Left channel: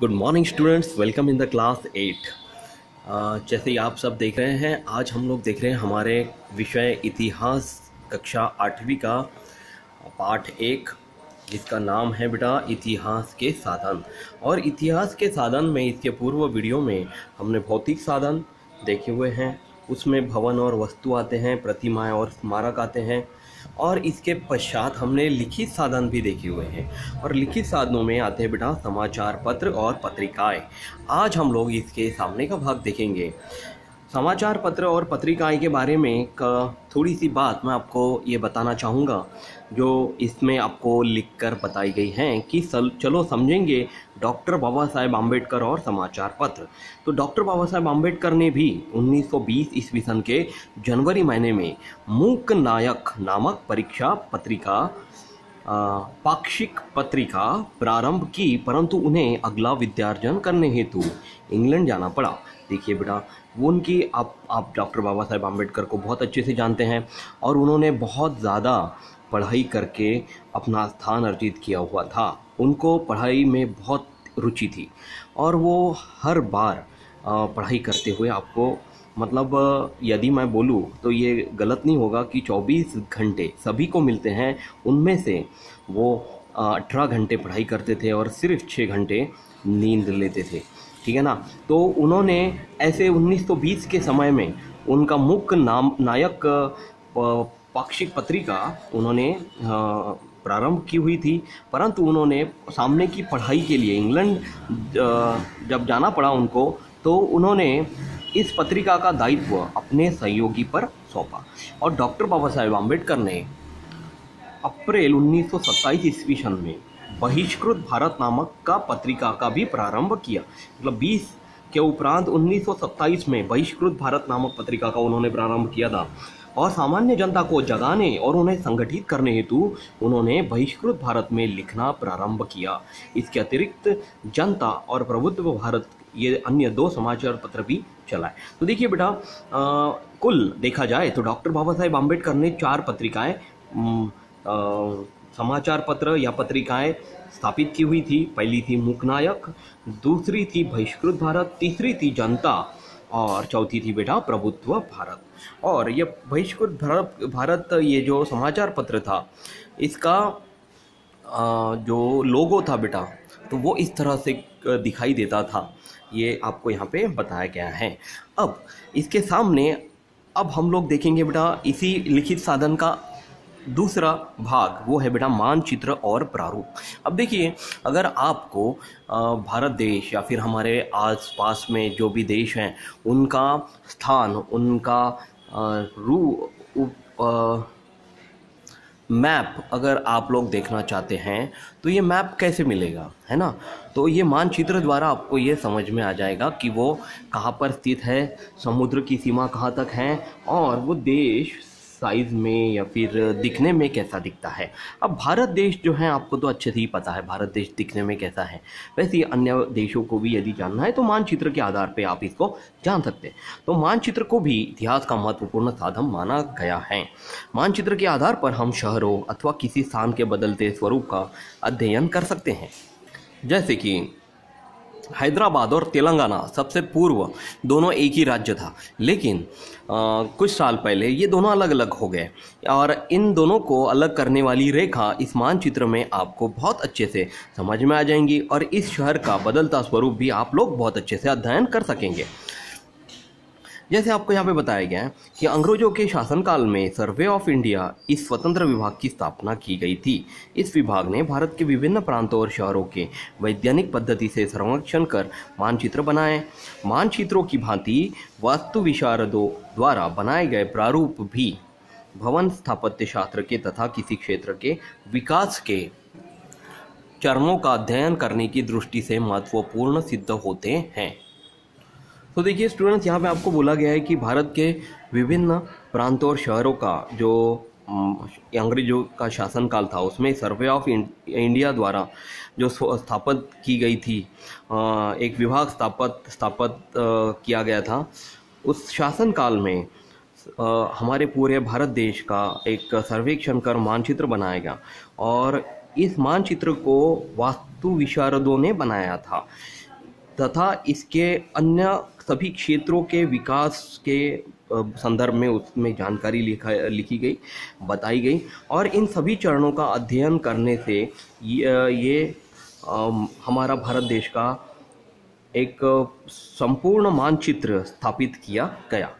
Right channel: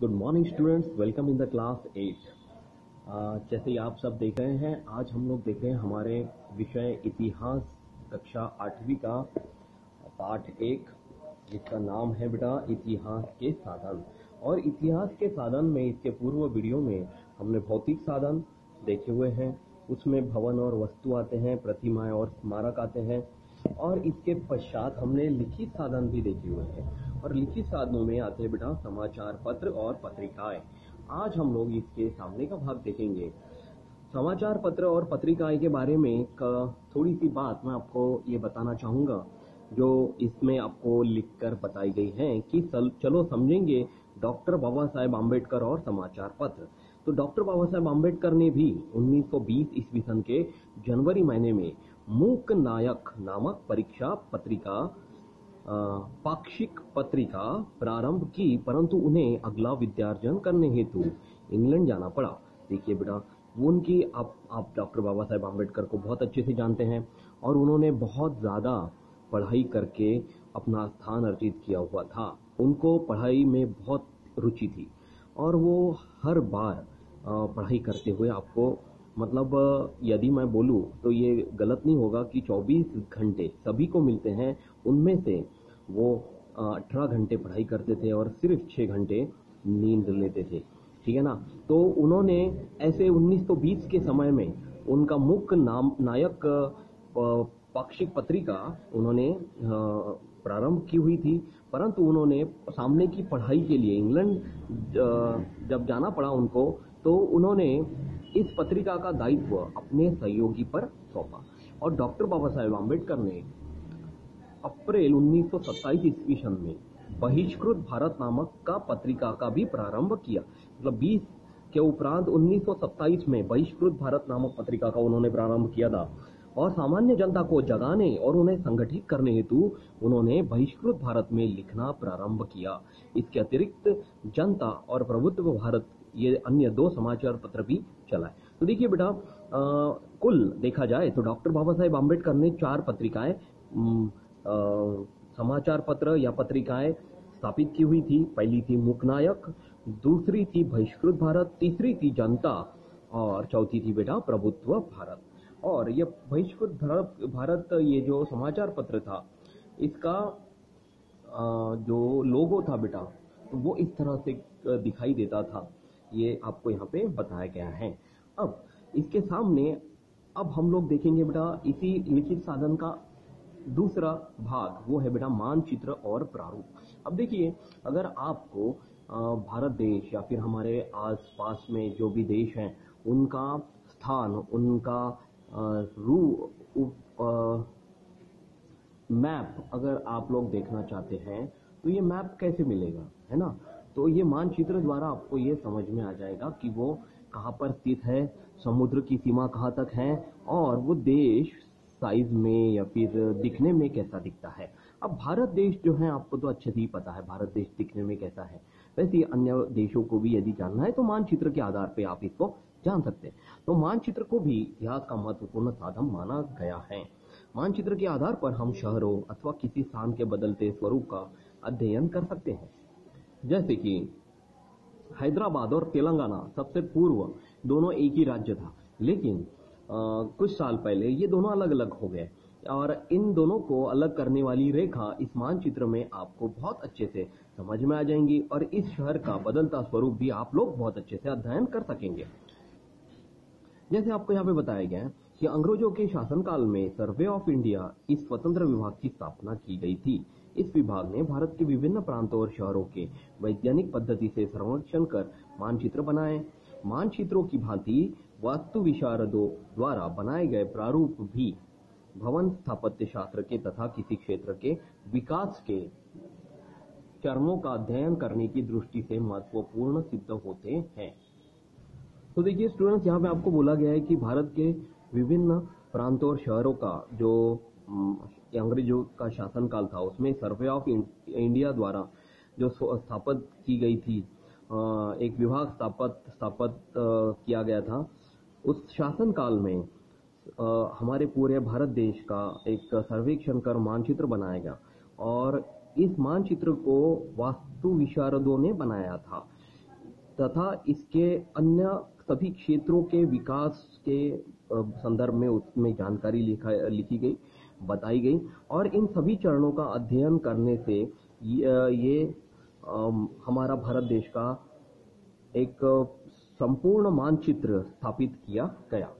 Good morning students, welcome in the class 8। जैसे ही आप सब देख रहे हैं, आज हम लोग देख रहे हैं हमारे विषय इतिहास कक्षा 8वीं का पाठ 1, जिसका नाम है बेटा इतिहास के साधन। और इतिहास के साधन में इसके पूर्व वीडियो में हमने भौतिक साधन देखे हुए हैं, उसमें भवन और वस्तु आते हैं, प्रतिमाएं और स्मारक आते हैं। और इसके पश्चात हमने लिखित साधन भी देखे हुए हैं, और लिखित साधनों में आते हैं बेटा समाचार पत्र और पत्रिकाएं। आज हम लोग इसके सामने का भाग देखेंगे। समाचार पत्र और पत्रिकाएं के बारे में थोड़ी सी बात मैं आपको ये बताना चाहूँगा, जो इसमें आपको लिखकर बताई गई हैं कि चलो समझेंगे डॉक्टर बाबा साहेब आम्बेडकर और समाचार पत्र। तो डॉक्टर बाबा साहेब आम्बेडकर ने भी 1920 ईस्वी सन के जनवरी महीने में मूक नायक नामक परीक्षा पत्रिका पाक्षिक पत्रिका प्रारंभ की, परंतु उन्हें अगला विद्यार्जन करने हेतु इंग्लैंड जाना पड़ा। देखिए बेटा, वो उनकी आप डॉक्टर बाबा साहेब आम्बेडकर को बहुत अच्छे से जानते हैं, और उन्होंने बहुत ज़्यादा पढ़ाई करके अपना स्थान अर्जित किया हुआ था। उनको पढ़ाई में बहुत रुचि थी, और वो हर बार पढ़ाई करते हुए आपको, मतलब यदि मैं बोलूँ तो ये गलत नहीं होगा कि 24 घंटे सभी को मिलते हैं, उनमें से वो 18 घंटे पढ़ाई करते थे और सिर्फ 6 घंटे नींद लेते थे। ठीक है ना। तो उन्होंने ऐसे 1920 के समय में उनका मुख्य नायक पाक्षिक पत्रिका उन्होंने प्रारंभ की हुई थी, परंतु उन्होंने सामने की पढ़ाई के लिए इंग्लैंड जब जाना पड़ा उनको, तो उन्होंने इस पत्रिका का दायित्व अपने सहयोगी पर सौंपा। और डॉक्टर बाबा साहेब आम्बेडकर ने अप्रैल 1927 ईस्वी सन में बहिष्कृत भारत नामक का पत्रिका का भी प्रारंभ किया। मतलब 20 के उपरांत 1927 में बहिष्कृत भारत नामक पत्रिका का उन्होंने प्रारंभ किया था, और सामान्य जनता को जगाने और उन्हें संगठित करने हेतु उन्होंने बहिष्कृत भारत में लिखना प्रारंभ किया। इसके अतिरिक्त जनता और प्रभुत्व भारत, ये अन्य 2 समाचार पत्र भी चलाए। तो देखिए बेटा, कुल देखा जाए तो डॉक्टर बाबा साहेब आम्बेडकर ने 4 पत्रिकाएं, समाचार पत्र या पत्रिकाएं स्थापित की हुई थी। पहली थी मूकनायक, दूसरी थी बहिष्कृत भारत, तीसरी थी जनता, और चौथी थी बेटा प्रभुत्व भारत। और ये बहिष्कृत भारत ये जो समाचार पत्र था, इसका जो लोगो था बेटा, तो वो इस तरह से दिखाई देता था। ये आपको यहाँ पे बताया गया है। अब इसके सामने अब हम लोग देखेंगे बेटा इसी लिखित साधन का दूसरा भाग, वो है बेटा मानचित्र और प्रारूप। अब देखिए, अगर आपको भारत देश या फिर हमारे आसपास में जो भी देश हैं, उनका स्थान, उनका मैप अगर आप लोग देखना चाहते हैं, तो ये मैप कैसे मिलेगा, है ना। तो ये मानचित्र द्वारा आपको ये समझ में आ जाएगा कि वो कहाँ पर स्थित है, समुद्र की सीमा कहाँ तक है, और वो देश साइज़ में या फिर दिखने में कैसा दिखता है। अब भारत देश जो है, आपको तो अच्छे से ही पता है भारत देश दिखने में कैसा है। वैसे ही अन्य देशों को भी यदि जानना है तो मानचित्र के आधार पे आप इसको जान सकते हैं। तो मानचित्र को भी इतिहास का महत्वपूर्ण साधन माना गया है। मानचित्र के आधार पर हम शहरों अथवा किसी स्थान के बदलते स्वरूप का अध्ययन कर सकते हैं। जैसे कि हैदराबाद और तेलंगाना सबसे पूर्व दोनों एक ही राज्य था, लेकिन कुछ साल पहले ये दोनों अलग अलग हो गए, और इन दोनों को अलग करने वाली रेखा इस मानचित्र में आपको बहुत अच्छे से समझ में आ जाएंगी, और इस शहर का बदलता स्वरूप भी आप लोग बहुत अच्छे से अध्ययन कर सकेंगे। जैसे आपको यहाँ पे बताया गया है कि अंग्रेजों के शासनकाल में सर्वे ऑफ इंडिया इस स्वतंत्र विभाग की स्थापना की गई थी। इस विभाग ने भारत के विभिन्न प्रांतों और शहरों के वैज्ञानिक पद्धति से सर्वेक्षण कर मानचित्र बनाए। मानचित्रों की भांति वास्तु विशारदों द्वारा बनाए गए प्रारूप भी भवन स्थापत्य शास्त्र के तथा किसी क्षेत्र के विकास के चरणों का अध्ययन करने की दृष्टि से महत्वपूर्ण सिद्ध होते हैं। तो देखिए स्टूडेंट्स, यहाँ पे आपको बोला गया है कि भारत के विभिन्न प्रांतों और शहरों का जो अंग्रेजों का शासनकाल था, उसमें सर्वे ऑफ इंडिया द्वारा जो स्थापित की गई थी, एक विभाग स्थापित किया गया था। उस शासनकाल में हमारे पूरे भारत देश का एक सर्वेक्षण कर मानचित्र बनाया गया, और इस मानचित्र को वास्तु विशारदों ने बनाया था। तथा इसके अन्य सभी क्षेत्रों के विकास के संदर्भ में उसमें जानकारी लिखी गई, बताई गई। और इन सभी चरणों का अध्ययन करने से ये हमारा भारत देश का एक संपूर्ण मानचित्र स्थापित किया गया।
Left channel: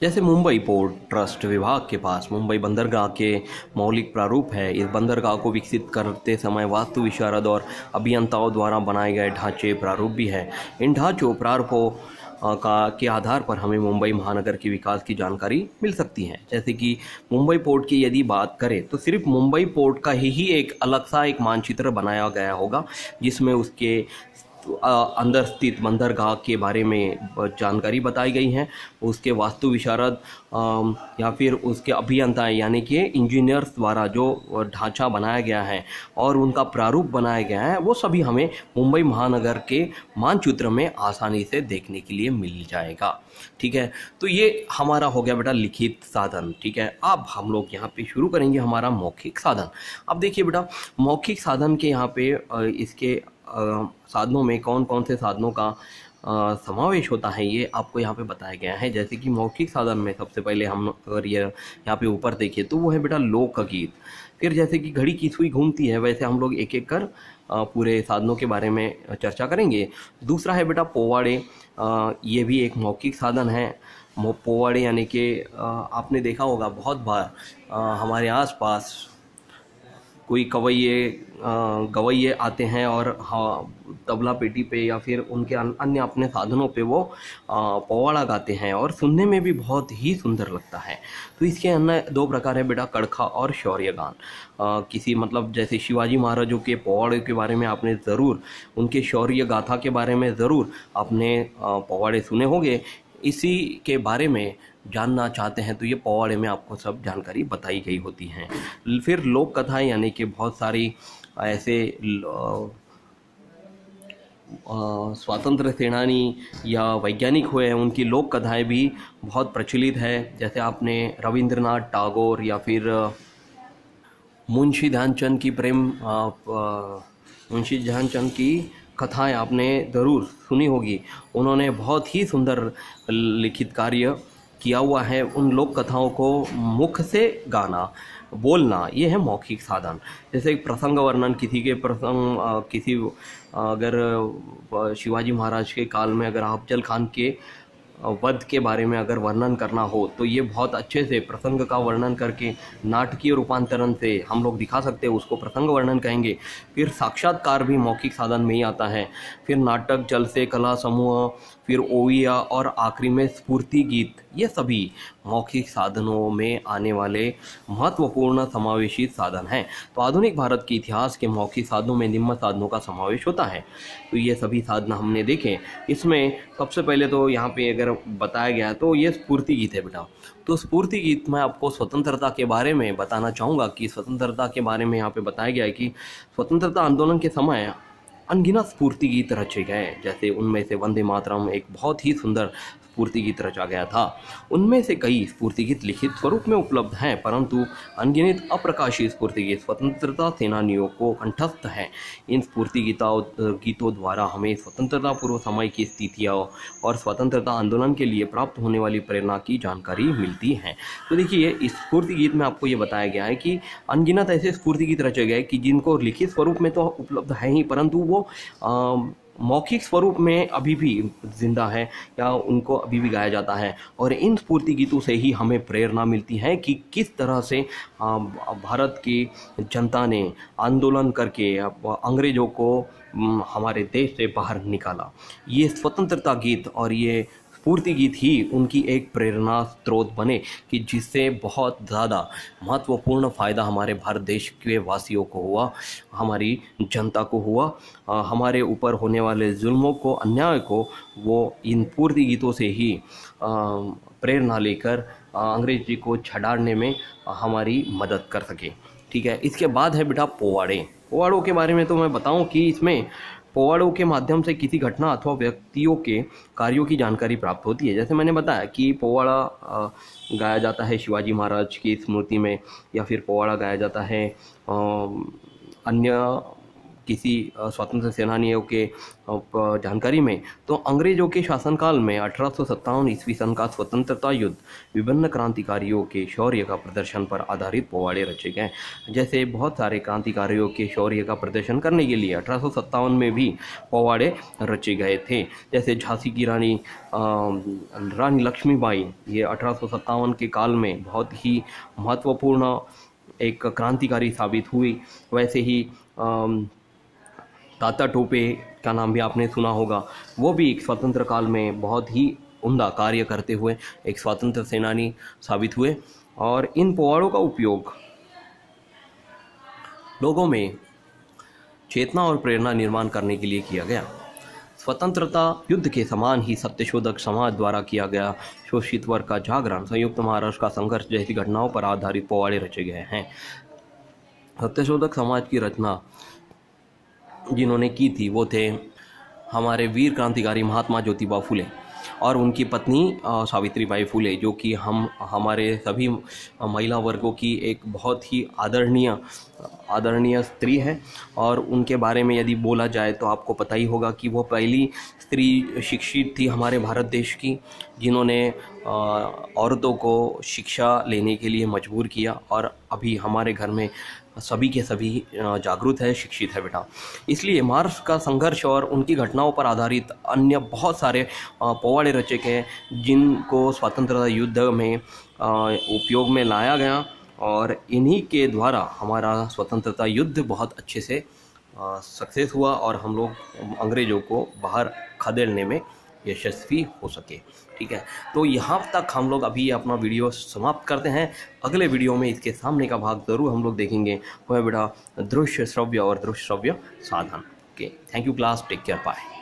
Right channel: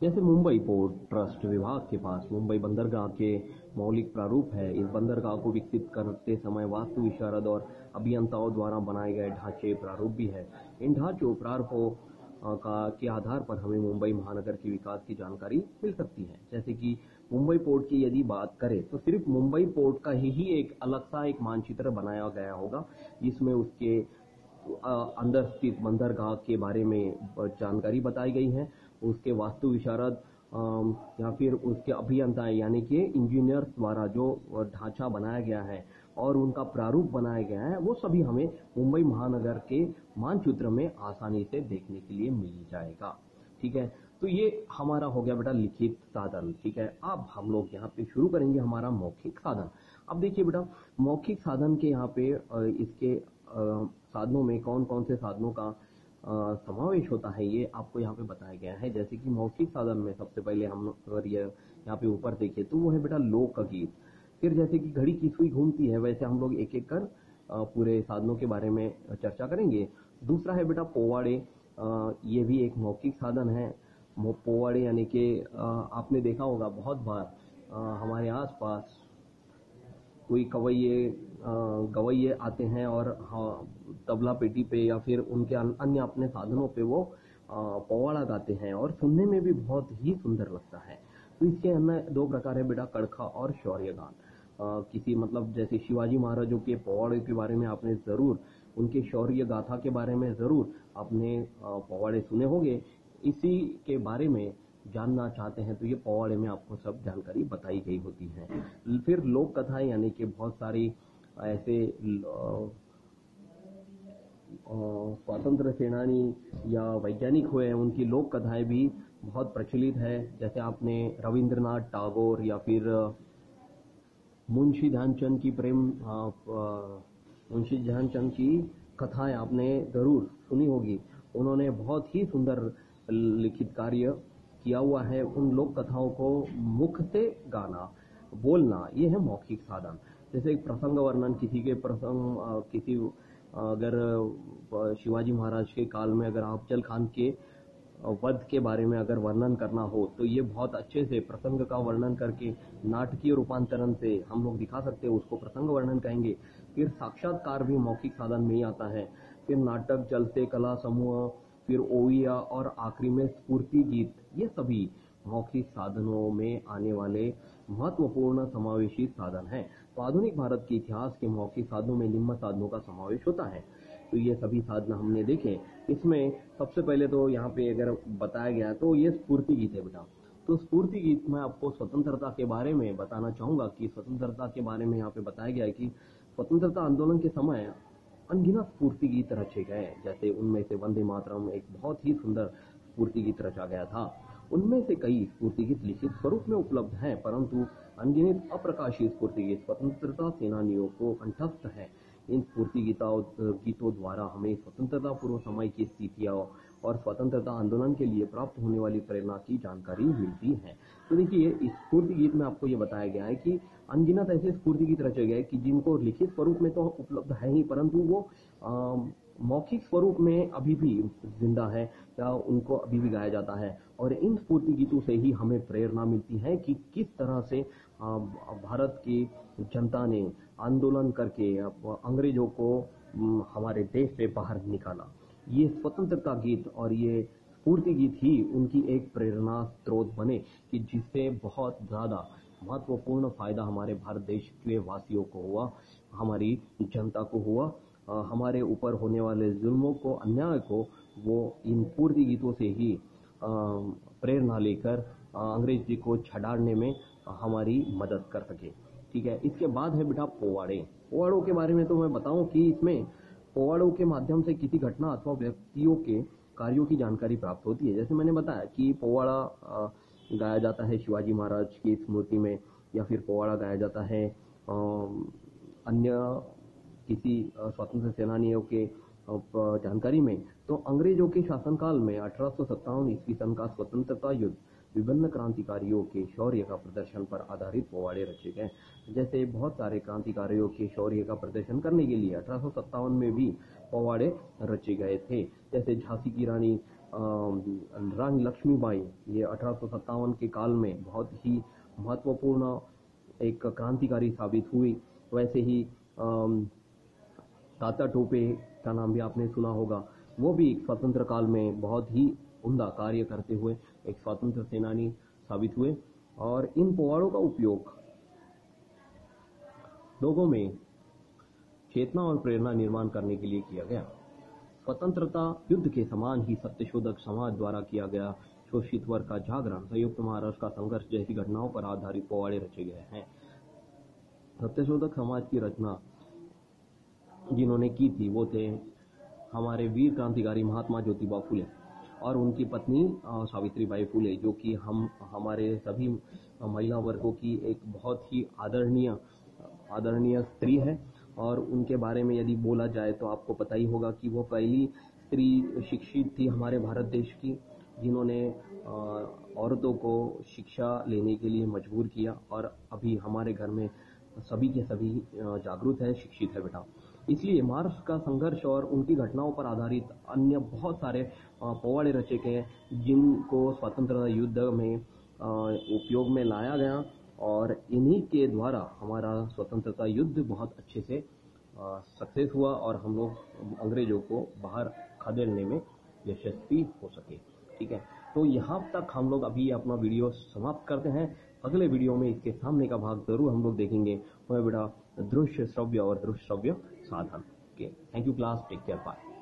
जैसे मुंबई पोर्ट ट्रस्ट विभाग के पास मुंबई बंदरगाह के मौलिक प्रारूप है। इस बंदरगाह को विकसित करते समय वास्तु विशारद और अभियंताओं द्वारा बनाए गए ढांचे प्रारूप भी है। इन ढांचों प्रारूपों के आधार पर हमें मुंबई महानगर के विकास की जानकारी मिल सकती है। जैसे कि मुंबई पोर्ट की यदि बात करें तो सिर्फ मुंबई पोर्ट का ही एक अलग सा एक मानचित्र बनाया गया होगा, जिसमें उसके अंदर स्थित बंदरगाह के बारे में जानकारी बताई गई है। उसके वास्तु विशारद या फिर उसके अभियंता यानी कि इंजीनियर्स द्वारा जो ढांचा बनाया गया है और उनका प्रारूप बनाया गया है, वो सभी हमें मुंबई महानगर के मानचित्र में आसानी से देखने के लिए मिल जाएगा। ठीक है, तो ये हमारा हो गया बेटा लिखित साधन। ठीक है, अब हम लोग यहाँ पे शुरू करेंगे हमारा मौखिक साधन। अब देखिए बेटा, मौखिक साधन के यहाँ पे इसके साधनों में कौन कौन से साधनों का समावेश होता है, ये आपको यहाँ पे बताया गया है। जैसे कि मौखिक साधन में सबसे पहले हम अगर ये यहाँ पे ऊपर देखिए तो वो है बेटा लोकगीत। फिर जैसे कि घड़ी की सुई घूमती है, वैसे हम लोग एक एक कर पूरे साधनों के बारे में चर्चा करेंगे। दूसरा है बेटा पोवाड़े। ये भी एक मौखिक साधन है। पोवाड़े यानी कि आपने देखा होगा बहुत बार हमारे आसपास कोई गवैये आते हैं और तबला पेटी पे या फिर उनके अन्य अपने साधनों पे वो पोवाड़ा गाते हैं और सुनने में भी बहुत ही सुंदर लगता है। तो इसके अन्य दो प्रकार है बेटा, कड़खा और शौर्य गान। किसी मतलब जैसे शिवाजी महाराजों के पोवाड़े के बारे में आपने ज़रूर, उनके शौर्य गाथा के बारे में ज़रूर आपने पोवाड़े सुने होंगे। इसी के बारे में जानना चाहते हैं तो ये पोवाड़े में आपको सब जानकारी बताई गई होती हैं। फिर लोक कथाएं यानी कि बहुत सारी ऐसे स्वतंत्र सेनानी या वैज्ञानिक हुए हैं, उनकी लोक कथाएं भी बहुत प्रचलित है। जैसे आपने रविंद्रनाथ टैगोर या फिर मुंशी ध्यानचंद की कथाएं आपने ज़रूर सुनी होगी। उन्होंने बहुत ही सुंदर लिखित कार्य किया हुआ है। उन लोक कथाओं को मुख से गाना, बोलना, ये है मौखिक साधन। जैसे प्रसंग वर्णन, किसी अगर शिवाजी महाराज के काल में अगर अफजल खान के वध के बारे में अगर वर्णन करना हो तो ये बहुत अच्छे से प्रसंग का वर्णन करके नाटकीय रूपांतरण से हम लोग दिखा सकते हैं, उसको प्रसंग वर्णन कहेंगे। फिर साक्षात्कार भी मौखिक साधन में ही आता है। फिर नाटक, जल से कला समूह, फिर ओविया और आखिरी में स्फूर्ति गीत, ये सभी मौखिक साधनों में आने वाले महत्वपूर्ण समावेशित साधन हैं। तो आधुनिक भारत के इतिहास के मौखिक साधनों में निम्न साधनों का समावेश होता है। तो ये सभी साधन हमने देखे। इसमें सबसे पहले तो यहाँ पे अगर बताया गया तो ये स्फूर्ति गीत है बेटा। तो स्फूर्ति गीत में आपको स्वतंत्रता के बारे में बताना चाहूँगा कि स्वतंत्रता के बारे में यहाँ पे बताया गया है कि स्वतंत्रता आंदोलन के समय अनगिनत स्फूर्ति गीत रचे गए। जैसे उनमें से वंदे मातरम एक बहुत ही सुंदर स्फूर्ति गीत रचा गया था। उनमें से कई स्फूर्ति गीत लिखित स्वरूप में उपलब्ध हैं, परंतु अनगिनत अप्रकाशित स्फूर्ति गीत स्वतंत्रता सेनानियों को कंठस्थ हैं। इन स्फूर्ति गीतों द्वारा हमें स्वतंत्रता पूर्व समय की स्थितियाँ और स्वतंत्रता आंदोलन के लिए प्राप्त होने वाली प्रेरणा की जानकारी मिलती है। तो देखिए, इस स्फूर्ति गीत में आपको ये बताया गया है कि अनगिनत ऐसे स्फूर्ति गीत रचे गए कि जिनको लिखित स्वरूप में तो उपलब्ध है ही, परंतु वो मौखिक स्वरूप में अभी भी जिंदा है या उनको अभी भी गाया जाता है। और इन स्फूर्ति गीतों से ही हमें प्रेरणा मिलती है कि किस तरह से भारत की जनता ने आंदोलन करके अंग्रेज़ों को हमारे देश से बाहर निकाला। ये स्वतंत्रता गीत और ये स्फूर्ति गीत ही उनकी एक प्रेरणा स्रोत बने कि जिससे बहुत ज़्यादा महत्वपूर्ण फ़ायदा हमारे भारत देश के वासियों को हुआ, हमारी जनता को हुआ। हमारे ऊपर होने वाले जुल्मों को, अन्याय को वो इन स्फूर्ति गीतों से ही प्रेरणा लेकर अंग्रेजी को छड़ाने में हमारी मदद कर सके। ठीक है, इसके बाद है बेटा पोवाड़े। पोवाड़ों के बारे में तो मैं बताऊं कि इसमें पोवाड़ों के माध्यम से किसी घटना अथवा व्यक्तियों के कार्यों की जानकारी प्राप्त होती है। जैसे मैंने बताया कि पोवाड़ा गाया जाता है शिवाजी महाराज की स्मृति में, या फिर पोवाड़ा गाया जाता है अन्य किसी स्वतंत्र सेनानियों के जानकारी में, तो अंग्रेजों के शासनकाल में 1857 ईस्वी सन का स्वतंत्रता युद्ध विभिन्न क्रांतिकारियों के शौर्य का प्रदर्शन पर आधारित पोवाड़े रचे गए। जैसे बहुत सारे क्रांतिकारियों के शौर्य का प्रदर्शन करने के लिए 1857 में भी पोवाड़े रचे गए थे। जैसे झांसी की रानी लक्ष्मीबाई, ये 1857 के काल में बहुत ही महत्वपूर्ण एक क्रांतिकारी साबित हुई। वैसे ही तात्या टोपे का नाम भी आपने सुना होगा, वो भी एक स्वतंत्र काल में बहुत ही उम्दा कार्य करते हुए एक स्वतंत्र सेनानी साबित हुए। और इन पोवाड़ों का उपयोग लोगों में चेतना और प्रेरणा निर्माण करने के लिए किया गया। स्वतंत्रता युद्ध के समान ही सत्यशोधक समाज द्वारा किया गया शोषित वर्ग का जागरण, संयुक्त महाराष्ट्र का संघर्ष जैसी घटनाओं पर आधारित पोवाड़े रचे गए हैं। सत्यशोधक समाज की रचना जिन्होंने की थी वो थे हमारे वीर क्रांतिकारी महात्मा ज्योतिबा फुले और उनकी पत्नी सावित्रीबाई फुले, जो कि हमारे सभी महिला वर्गों की एक बहुत ही आदरणीय स्त्री है। और उनके बारे में यदि बोला जाए तो आपको पता ही होगा कि वो पहली स्त्री शिक्षित थी हमारे भारत देश की, जिन्होंने औरतों को शिक्षा लेने के लिए मजबूर किया। और अभी हमारे घर में सभी के सभी जागरूक है, शिक्षित है बेटा। इसलिए महाराष्ट्र का संघर्ष और उनकी घटनाओं पर आधारित अन्य बहुत सारे पोवाड़े रचे गए, जिनको स्वतंत्रता युद्ध में उपयोग में लाया गया। और इन्हीं के द्वारा हमारा स्वतंत्रता युद्ध बहुत अच्छे से सक्सेस हुआ और हम लोग अंग्रेज़ों को बाहर खदेड़ने में यशस्वी हो सके। ठीक है, तो यहाँ तक हम लोग अभी अपना वीडियो समाप्त करते हैं। अगले वीडियो में इसके सामने का भाग ज़रूर हम लोग देखेंगे, वह बेटा दृश्य श्रव्य और दृश्य श्रव्य साधन। Okay, thank you class, take care, bye.